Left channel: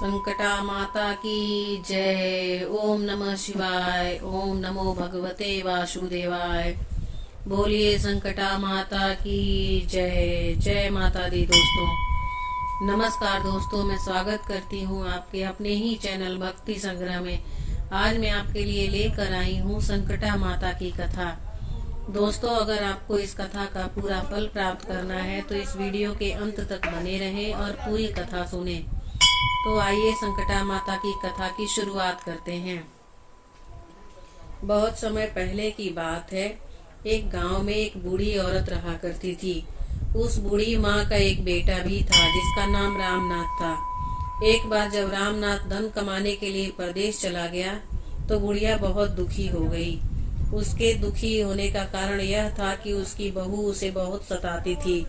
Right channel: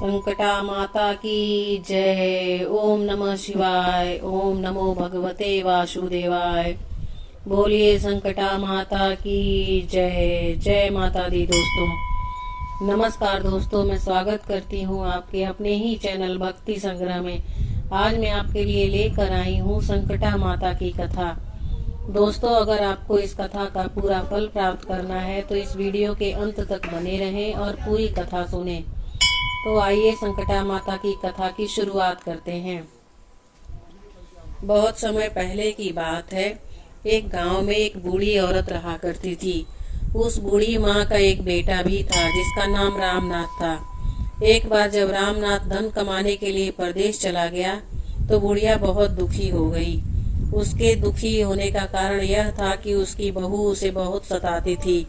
संकटा माता की जय। ओम नमः शिवाय। ओम नमो भगवते वासुदेवाय। बोलिए संकटा माता की जय। जय माता दी। दोस्तों नमस्कार। दोस्तों मैं स्वागत करती हूँ आपके अपने ही चैनल भक्ति संग्रह में। आज मैं आपके लिए लेकर आई हूँ संकटा माता की कथा। दोस्तों अगर आपको इस कथा का पूरा फल प्राप्त करना है तो इस वीडियो के अंत तक बने रहें और पूरी कथा सुने। तो आइए संकटा माता की कथा की शुरुआत करते हैं। बहुत समय पहले की बात है। एक गांव में एक बूढ़ी औरत रहा करती थी। उस बूढ़ी माँ का एक बेटा भी था जिसका नाम रामनाथ था। एक बार जब रामनाथ धन कमाने के लिए परदेश चला गया तो बुढ़िया बहुत दुखी हो गई। उसके दुखी होने का कारण यह था कि उसकी बहू उसे बहुत सताती थी।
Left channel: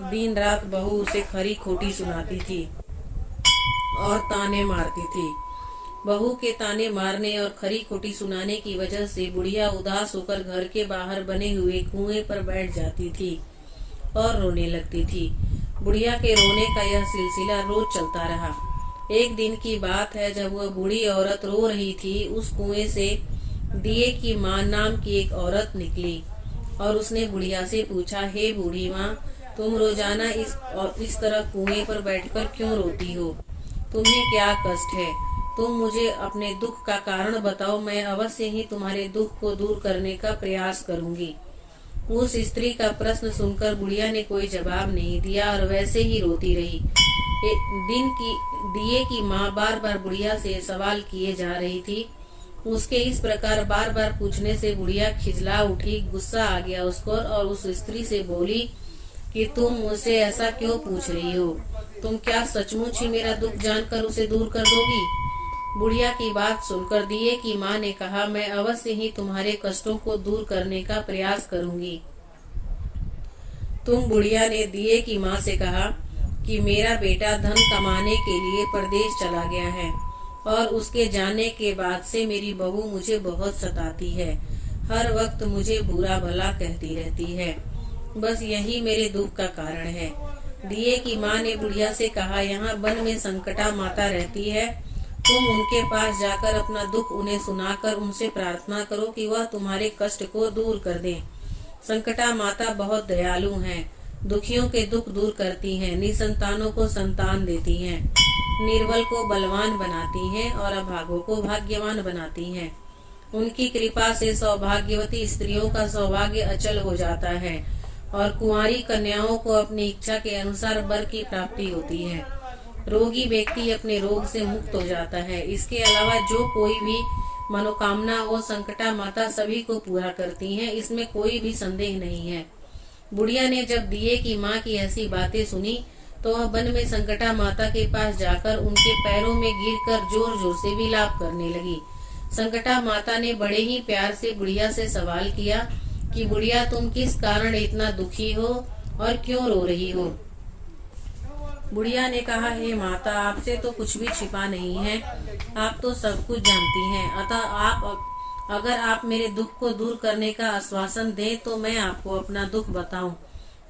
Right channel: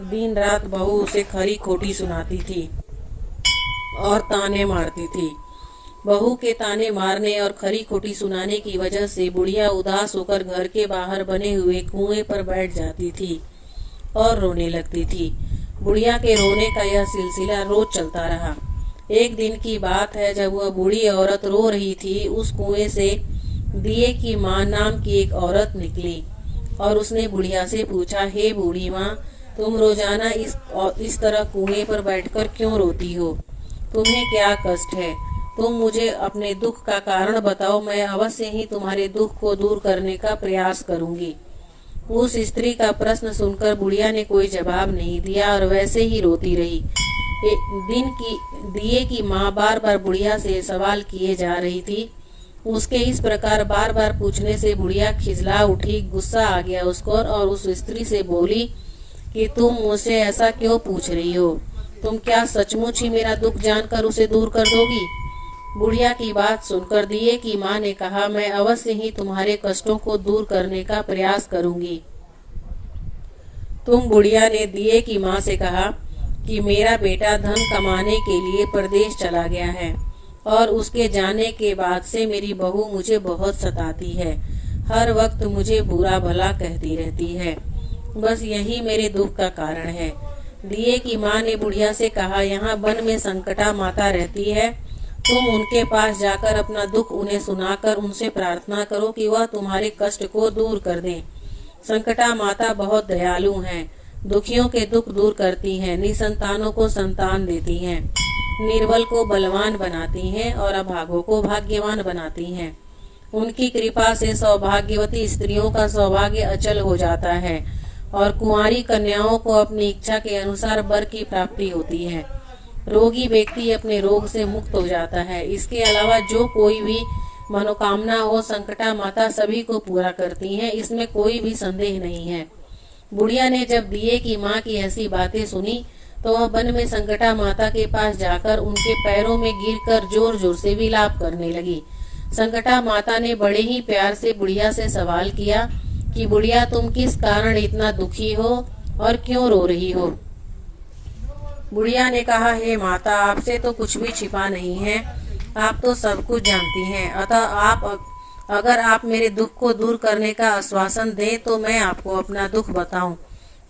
दिन रात बहू उसे खरी खोटी सुनाती थी और ताने मारती थी। बहू के ताने मारने और खरी खोटी सुनाने की वजह से बुढ़िया उदास होकर घर के बाहर बने हुए कुएं पर बैठ जाती थी और रोने लगती थी। बुढ़िया के रोने का यह सिलसिला रोज चलता रहा। एक दिन की बात है जब वह बूढ़ी औरत रो रही थी, उस कुएं से दिए की माँ नाम की एक औरत निकली और उसने बुढ़िया से पूछा, हे बूढ़ी माँ, तुम रोजाना इस तरह कुएं पर बैठकर क्यों रोती हो? तुम्हें क्या कष्ट है? तुम मुझे अपने दुख का कारण बताओ, मैं अवश्य ही तुम्हारे दुख को दूर करने का प्रयास करूंगी। उस स्त्री का प्रश्न सुनकर बुढ़िया ने कोई जवाब नहीं दिया और वैसे ही रोती रही। दिए की माँ बार बार बुढ़िया से सवाल किए जा रही थी। उसके इस प्रकार बार बार पूछने से बुढ़िया खिजला उठी। गुस्सा आ गया उसको और उस स्त्री से बोली कि तुम मुझसे ऐसा क्यों पूछ रही हो? तुम क्या सचमुच ही मेरा दुख जानकर उसे दूर कर दोगी? बुढ़िया की बात सुनकर दिए की माँ ने कहा, मैं अवश्य ही तुम्हारे कष्टों को दूर करने का प्रयास करूंगी। बुढ़िया ने दिए की माँ से कहा कि मेरा बेटा धन कमाने के लिए परदेश चला गया है और उसके जाने के बाद से मेरी बहू मुझे बहुत सताती है। हर वक्त मुझे बुरा भला कहती रहती है। बस यही मेरे दुख का कारण है। दिए की माँ ने बुढ़िया से कहा, यहाँ वन में संकटा माता रहती है। तुम उनके पास जाकर अपना दुख उन्हें सुनाकर उनसे प्रार्थना करो कि वह तुम्हारे कष्ट को दूर कर दें। संकटा माता बहुत दयालु हैं, दुखियों के दुख दूर करती हैं, निसंतानों को संतान देती हैं, निर्बल को बलवान बनाती हैं और अभागों को भाग्यवान बनाती हैं। उनकी कृपा से सौभाग्यवती स्त्रियों का सौभाग्य अचल हो जाता है और कुंवारी कन्याओं को अपनी इच्छा के अनुसार वर की प्राप्ति होती है। रोगी व्यक्ति अपने रोग से मुक्त हो जाता है। इसके अलावा जो कोई भी मनोकामना हो, संकटा माता सभी को पूरा करती हैं, इसमें कोई भी संदेह नहीं है। बुढ़िया ने जब दिए की माँ की ऐसी बातें सुनी तो वह वन में संकटा माता के पास जाकर उनके पैरों में गिरकर जोर जोर से विलाप करने लगी। संकटा माता ने बड़े ही प्यार से बुढ़िया से सवाल किया कि बुढ़िया, तुम किस कारण इतना दुखी हो और क्यों रो रही हो? बुढ़िया ने कहा, हे माता, आपसे तो कुछ भी छिपा नहीं है। आप तो सब कुछ जानती हैं। अतः अगर आप मेरे दुख को दूर करने का आश्वासन दें तो मैं आपको अपना दुख बताऊं।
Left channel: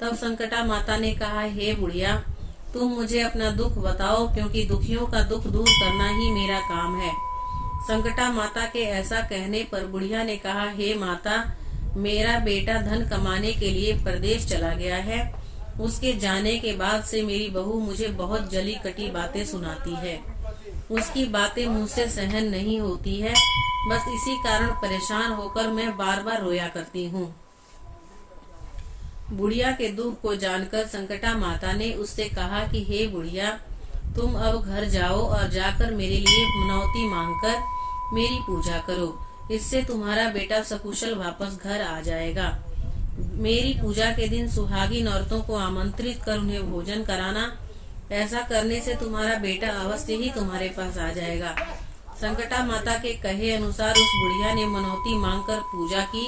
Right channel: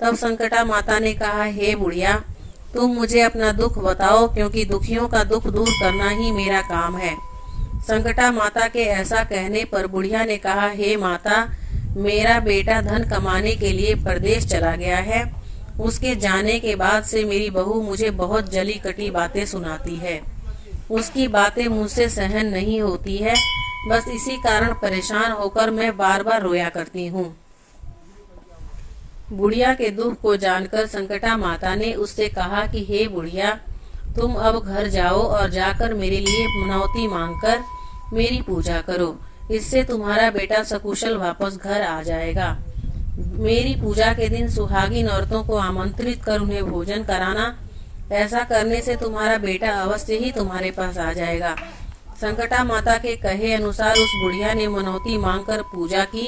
तब संकटा माता ने कहा, हे बुढ़िया, तुम मुझे अपना दुख बताओ, क्योंकि दुखियों का दुख दूर करना ही मेरा काम है। संकटा माता के ऐसा कहने पर बुढ़िया ने कहा, हे माता, मेरा बेटा धन कमाने के लिए परदेश चला गया है। उसके जाने के बाद से मेरी बहू मुझे बहुत जली कटी बातें सुनाती है। उसकी बातें मुझसे सहन नहीं होती है। बस इसी कारण परेशान होकर मैं बार बार रोया करती हूँ। बुढ़िया के दुख को जानकर संकटा माता ने उससे कहा कि हे बुढ़िया, तुम अब घर जाओ और जाकर मेरे लिए मनौती मांगकर मेरी पूजा करो। इससे तुम्हारा बेटा सकुशल वापस घर आ जाएगा। मेरी पूजा के दिन सुहागिन औरतों को आमंत्रित कर उन्हें भोजन कराना। ऐसा करने से तुम्हारा बेटा अवश्य ही तुम्हारे पास आ जाएगा। संकटा माता के कहे अनुसार उस बुढ़िया ने मनौती मांगकर पूजा की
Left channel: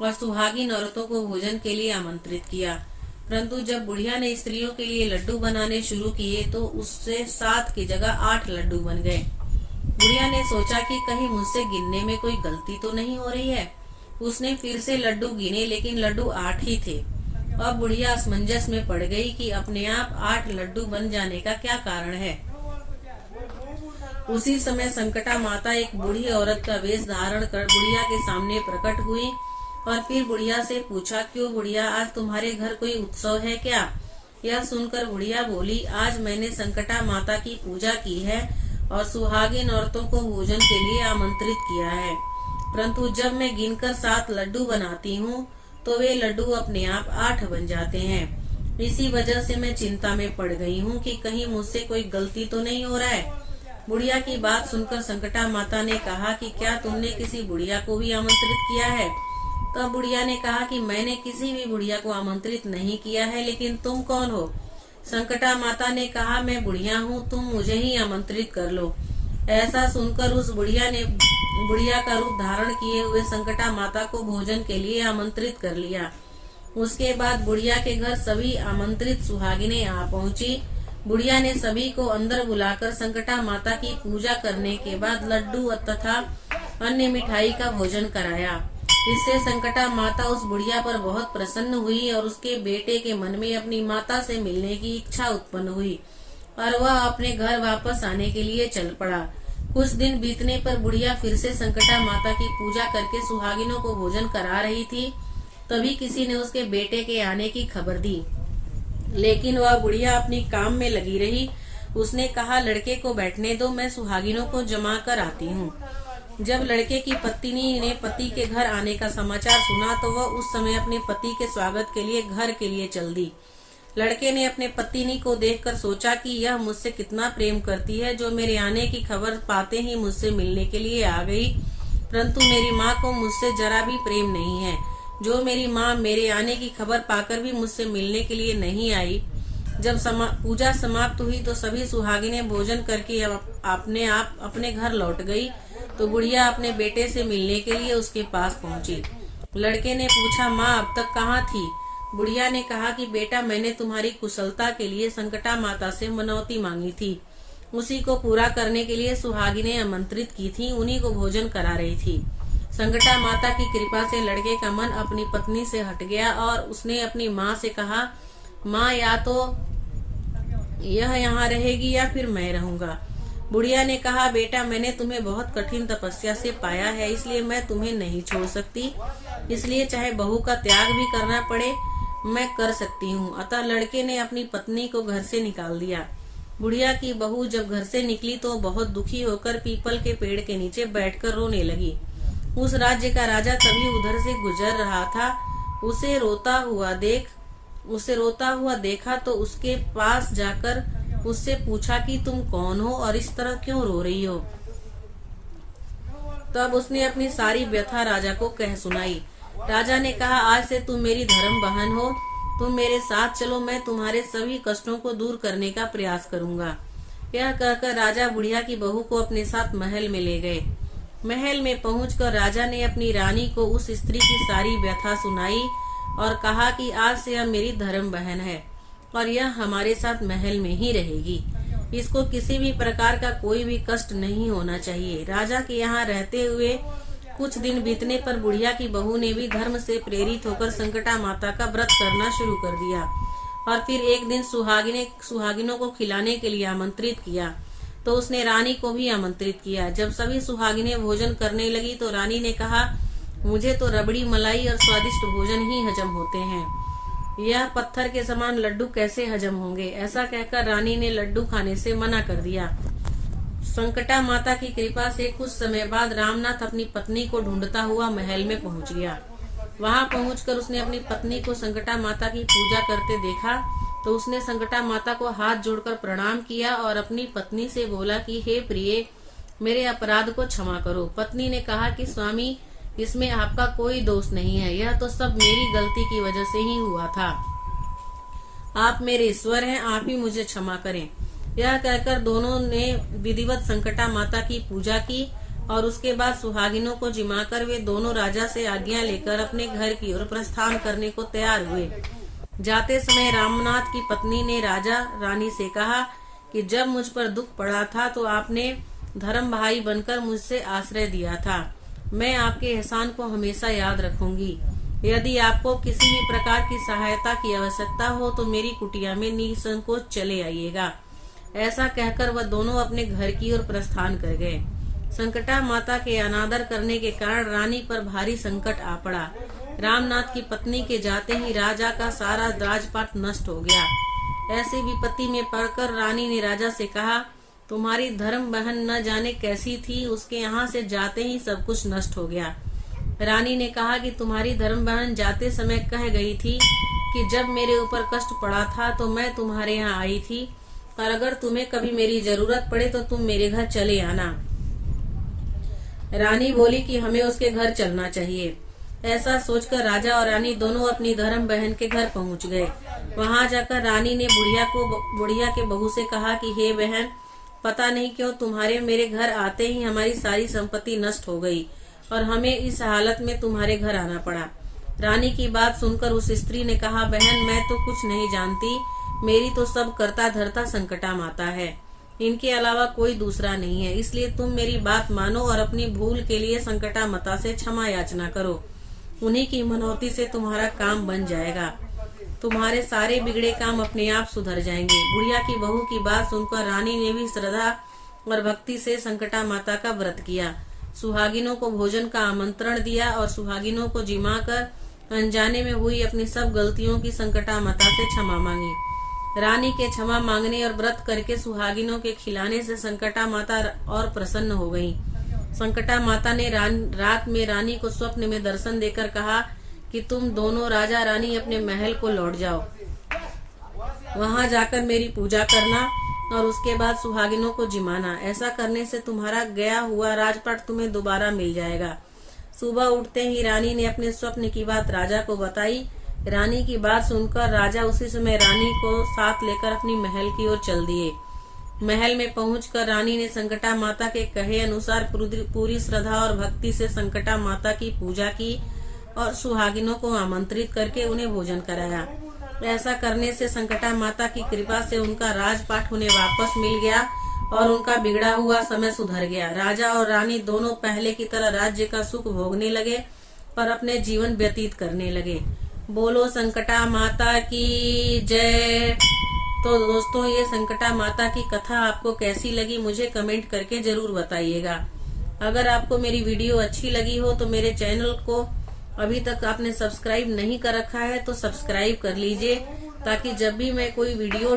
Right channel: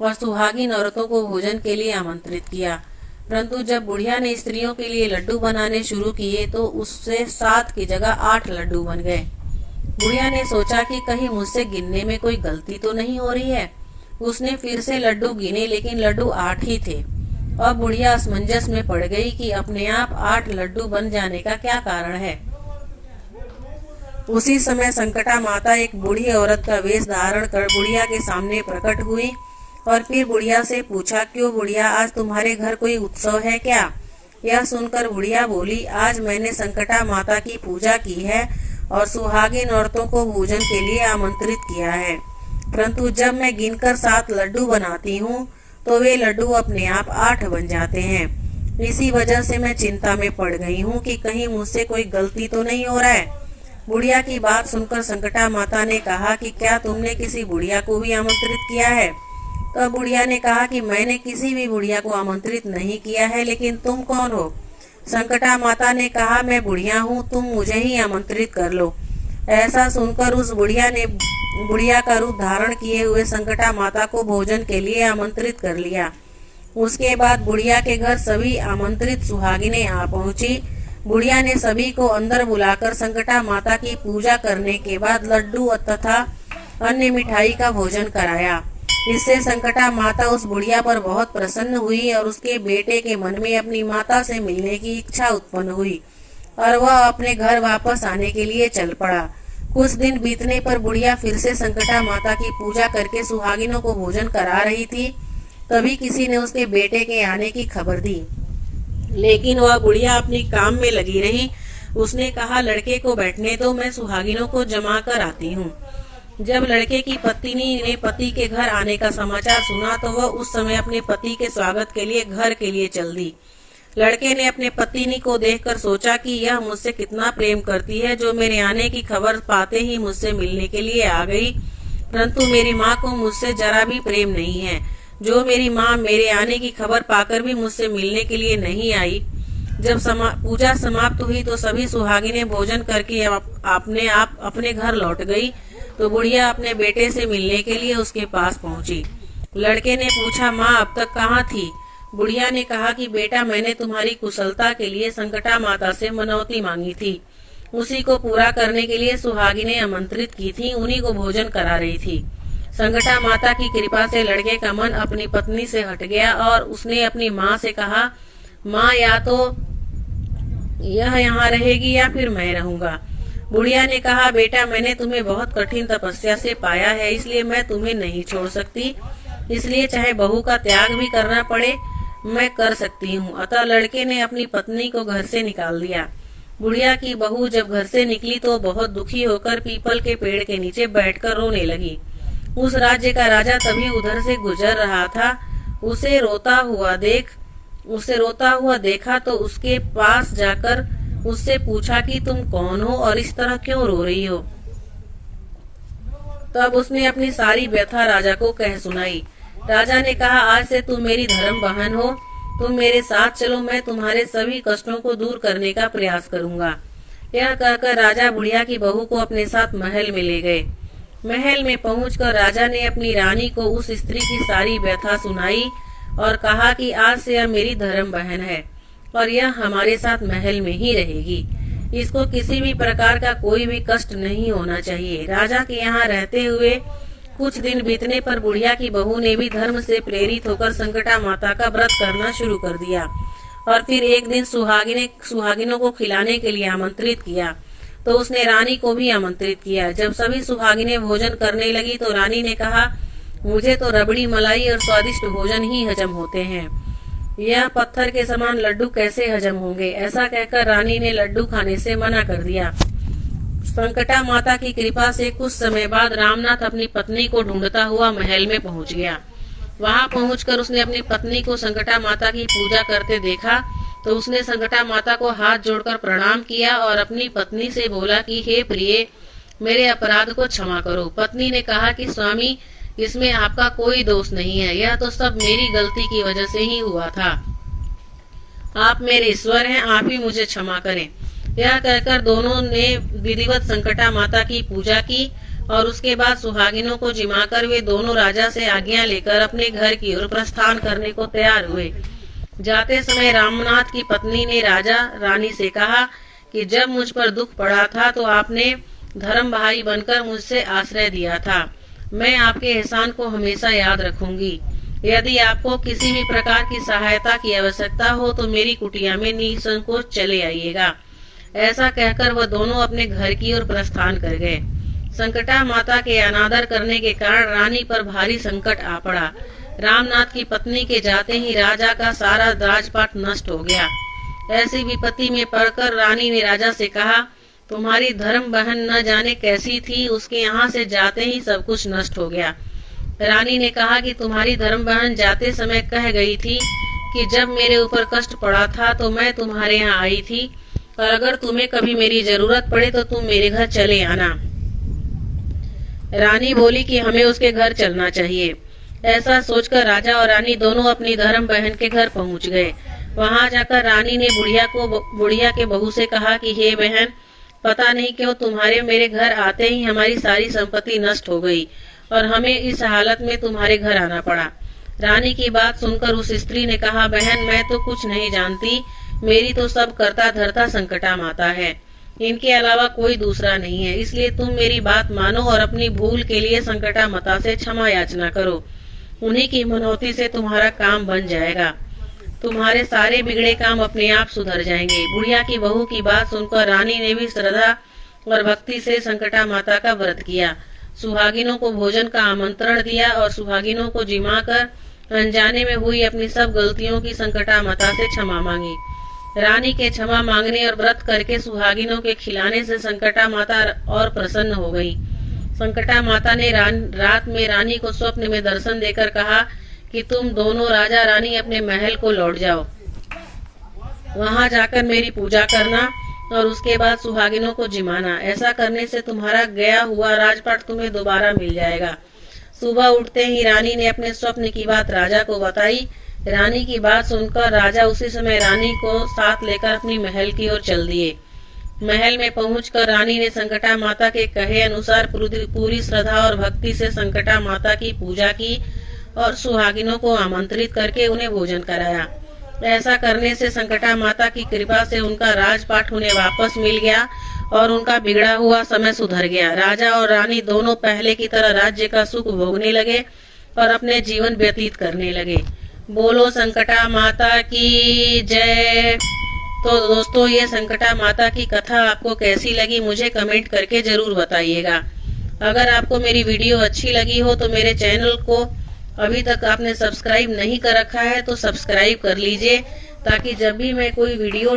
और सुहागिन औरतों को भोजन के लिए आमंत्रित किया। परंतु जब बुढ़िया ने स्त्रियों के लिए लड्डू बनाने शुरू किए तो उससे 7 की जगह 8 लड्डू बन गए। बुढ़िया ने सोचा कि कहीं मुझसे गिनने में कोई गलती तो नहीं हो रही है। उसने फिर से लड्डू गिने, लेकिन लड्डू 8 ही थे। अब बुढ़िया असमंजस में पड़ गई कि अपने आप 8 लड्डू बन जाने का क्या कारण है। उसी समय संकटा माता एक बूढ़ी औरत का वेश धारण कर बुढ़िया के सामने प्रकट हुई और फिर बुढ़िया से पूछा, क्यों बुढ़िया, आज तुम्हारे घर कोई उत्सव है क्या? यह सुनकर बुढ़िया बोली, आज मैंने संकटा माता की पूजा की है और सुहागिन औरतों को भोजन के लिए आमंत्रित किया है, परंतु जब मैं गिनकर 7 लड्डू बनाती हूँ तो वे लड्डू अपने आप 8 बन जाते हैं। इसी वजह से मैं चिंता में पड़ गई हूँ कि कहीं मुझसे कोई गलती तो नहीं हो रहा है। बुढ़िया की बात सुनकर संकटा माता ने कहा कि क्या तुमने किसी बुढ़िया को भी आमंत्रित किया है? तब बुढ़िया ने कहा कि मैंने किसी भी बुढ़िया को आमंत्रित नहीं किया है, लेकिन तुम कौन हो? संकटा माता ने कहा, मैं बुढ़िया हूँ, तुम मुझे ही आमंत्रित कर लो। ऐसा सुनकर उस बुढ़िया ने बुढ़िया का रूप धारण किए हुए संकटा माता को भोजन के लिए आमंत्रित कर लिया। उसके बाद बुढ़िया के घर सभी आमंत्रित सुहागिनें आ पहुंची। बुढ़िया ने सभी को अंदर बुलाकर संकटा माता की पूजा करने के बाद लड्डू तथा अन्य मिठाई का भोजन कराया। इससे संकटा माता उस बुढ़िया पर बहुत प्रसन्न हुई और उसके बेटे के मन में अपनी माता से मिलने की इच्छा उत्पन्न हुई और वह अपने घर वापस आने के लिए चल पड़ा। कुछ दिन बीतने पर बुढ़िया फिर से संकटा माता की पूजा करके सुहागिनों को भोजन करा रही थी। तभी किसी ने उसके बेटे के आने की खबर दी, लेकिन वह बुढ़िया अपनी काम में लगी रही। उसने कहा, लड़के को बैठने दो, मैं सुहागिनों को जमा कर आती हूँ। जब लड़के की पत्नी ने पति के घर आने का समाचार सुना तो वह उस समय अपने पति के स्वागत के लिए घर के लिए चल दी। लड़के ने अपने पत्नी को देखकर सोचा कि यह मुझसे कितना प्रेम करती है, जो मेरे आने की खबर पाते ही मुझसे मिलने के लिए आ गई, परंतु मेरी माँ को मुझसे जरा भी प्रेम नहीं है, जो मेरी माँ मेरे आने की खबर पाकर भी मुझसे मिलने के लिए नहीं आई। जब पूजा समाप्त हुई तो सभी सुहागिनें भोजन करके अपने घर लौट गई तो बुढ़िया अपने बेटे से मिलने के लिए उसके पास पहुंची। लड़के ने पूछा, माँ अब तक कहाँ थी? बुढ़िया ने कहा कि बेटा, मैंने तुम्हारी कुशलता के लिए संकटा माता से मनौती मांगी थी, उसी को पूरा करने के लिए सुहागिनें आमंत्रित की थी, उन्हीं को भोजन करा रही थी। संकटा माता की कृपा से लड़के का मन अपनी पत्नी से हट गया और उसने अपनी माँ से कहा, माँ या तो यह यहाँ रहेगी या फिर मैं रहूंगा। बुढ़िया ने कहा, बेटा, मैंने तुम्हें बहुत कठिन तपस्या से पाया है, इसलिए मैं तुम्हें नहीं छोड़ सकती, इसलिए चाहे बहू का त्याग भी करना पड़े मैं कर सकती हूँ। अतः लड़के ने अपनी पत्नी को घर से निकाल दिया। बुढ़िया की बहू जब घर से निकली तो बहुत दुखी होकर पीपल के पेड़ के नीचे बैठकर रोने लगी। उस राज्य का राजा तभी उधर से गुजर रहा था। उसे रोता हुआ देखा तो उसके पास जाकर उससे पूछा कि तुम कौन हो और इस तरह क्यों रो रही हो? तब उसने अपनी सारी व्यथा राजा को कह सुनाई। राजा ने कहा, आज से तुम मेरी धर्म बहन हो, तुम मेरे साथ चलो, मैं तुम्हारे सभी कष्टों को दूर करने का प्रयास करूंगा। यह कहकर राजा बुढ़िया की बहू को अपने साथ महल में ले गए। महल में पहुंचकर राजा ने अपनी रानी को उस स्त्री की सारी व्यथा सुनाई और कहा कि आज से यह मेरी धर्म बहन है और यह हमारे साथ महल में ही रहेगी। इसको किसी भी प्रकार का कोई भी कष्ट नहीं होना चाहिए। राजा के यहाँ रहते हुए कुछ दिन बीतने पर बुढ़िया की बहू ने भी धर्म से प्रेरित होकर संकटा माता का व्रत करना शुरू कर दिया और फिर एक दिन सुहागिनों को खिलाने के लिए आमंत्रित किया तो उसने रानी को भी आमंत्रित किया। जब सभी सुहागिनें भोजन करने लगी तो रानी ने कहा, मुझे तो रबड़ी मलाई और स्वादिष्ट भोजन ही हजम होते हैं, यह पत्थर के समान लड्डू कैसे हजम होंगे? ऐसा कहकर रानी ने लड्डू खाने से मना कर दिया। संकटा माता की कृपा से कुछ समय बाद रामनाथ अपनी पत्नी को ढूंढता हुआ महल में पहुंच गया। वहां पहुंचकर उसने अपनी पत्नी को संकटा माता की पूजा करते देखा तो उसने संकटा माता को हाथ जोड़कर प्रणाम किया और अपनी पत्नी से बोला कि हे प्रिय, मेरे अपराध को क्षमा करो। पत्नी ने कहा कि स्वामी, इसमें आपका कोई दोष नहीं है, यह तो सब मेरी गलती की वजह से ही हुआ था। आप मेरे ईश्वर हैं, आप ही मुझे क्षमा करें। यह कहकर दोनों ने विधिवत संकटा माता की पूजा की और उसके बाद सुहागिनों को जिमाकर वे दोनों राजा से आज्ञा लेकर अपने घर की ओर प्रस्थान करने को तैयार हुए। जाते समय रामनाथ की पत्नी ने राजा रानी से कहा कि जब मुझ पर दुख पड़ा था तो आपने धर्म भाई बनकर मुझसे आश्रय दिया था। मैं आपके एहसान को हमेशा याद रखूंगी। यदि आपको किसी भी प्रकार की सहायता की आवश्यकता हो तो मेरी कुटिया में निसंकोच चले आइएगा। ऐसा कहकर वह दोनों अपने घर की ओर प्रस्थान कर गए। संकटा माता के अनादर करने के कारण रानी पर भारी संकट आ पड़ा। रामनाथ की पत्नी के जाते ही राजा का सारा राजपाट नष्ट हो गया। ऐसी विपत्ति में पड़कर रानी ने राजा से कहा, तुम्हारी धर्म बहन न जाने कैसी थी, उसके यहाँ से जाते ही सब कुछ नष्ट हो गया। रानी ने कहा कि तुम्हारी धर्म बहन जाते समय कह गई थी कि जब मेरे ऊपर कष्ट पड़ा था तो मैं तुम्हारे यहाँ आई थी, और अगर तुम्हें कभी मेरी जरूरत पड़े तो तुम मेरे घर चले आना। रानी बोली कि हमें उसके घर चलना चाहिए। ऐसा सोचकर राजा और रानी दोनों अपनी धर्म बहन के घर पहुंच गए। वहां जाकर रानी ने बुढ़िया के बहू से कहा कि हे बहन, पता नहीं क्यों तुम्हारे मेरे घर आते ही हमारी सारी संपत्ति नष्ट हो गई और हमें इस हालत में तुम्हारे घर आना पड़ा। रानी की बात सुनकर उस स्त्री ने कहा, बहन मैं तो कुछ नहीं जानती, मेरी तो सब करता धरता संकटा माता है, इनके अलावा कोई दूसरा नहीं है, इसलिए तुम मेरी बात मानो और अपनी भूल के लिए संकटा माता से क्षमा याचना करो। उन्हीं की मनौती से तुम्हारा काम बन जाएगा, तुम्हारे सारे बिगड़े काम अपने आप सुधर जाएंगे। बुढ़िया की बहू की बात सुनकर रानी ने भी श्रद्धा और भक्ति से संकटा माता का व्रत किया। सुहागिनों को भोजन का आमंत्रण दिया और सुहागिनों को जिमा कर अनजाने में हुई अपनी सब गलतियों की संकटा माता से क्षमा मांगी। रानी के क्षमा मांगने और व्रत करके सुहागिनों के खिलाने से संकटा माता और प्रसन्न हो गई। संकटा माता ने रात में रानी को स्वप्न में दर्शन देकर कहा कि तुम दोनों राजा रानी अपने महल को लौट जाओ, वहां जाकर मेरी पूजा करना और उसके बाद सुहागिनों को जिमाना। ऐसा करने से तुम्हारा गया हुआ राजपाट तुम्हें दोबारा मिल जाएगा। सुबह उठते ही रानी ने अपने स्वप्न की बात राजा को बताई। रानी की बात सुनकर राजा उसी समय रानी को साथ लेकर अपनी महल की ओर चल दिए। महल में पहुंचकर रानी ने संकटा माता के कहे अनुसार पूरी श्रद्धा और भक्ति से संकटा माता की पूजा की और सुहागिनों को आमंत्रित करके उन्हें भोजन कराया। ऐसा करने से संकटा माता की कृपा से उनका राजपाट उन्हें वापस मिल गया और उनका बिगड़ा हुआ समय सुधर गया। राजा और रानी दोनों पहले की तरह राज्य का सुख भोगने लगे और अपने जीवन व्यतीत करने लगे। बोलो संकटा माता की जय। तो दोस्तों, ये संकटा माता की कथा आपको कैसी लगी मुझे कमेंट करके जरूर बताइएगा। अगर आपको मेरी वीडियो अच्छी लगी हो तो मेरे चैनल को अभी तक आपने सब्सक्राइब नहीं कर रखा है तो सब्सक्राइब कर लीजिए, ताकि जब भी मैं कोई वीडियो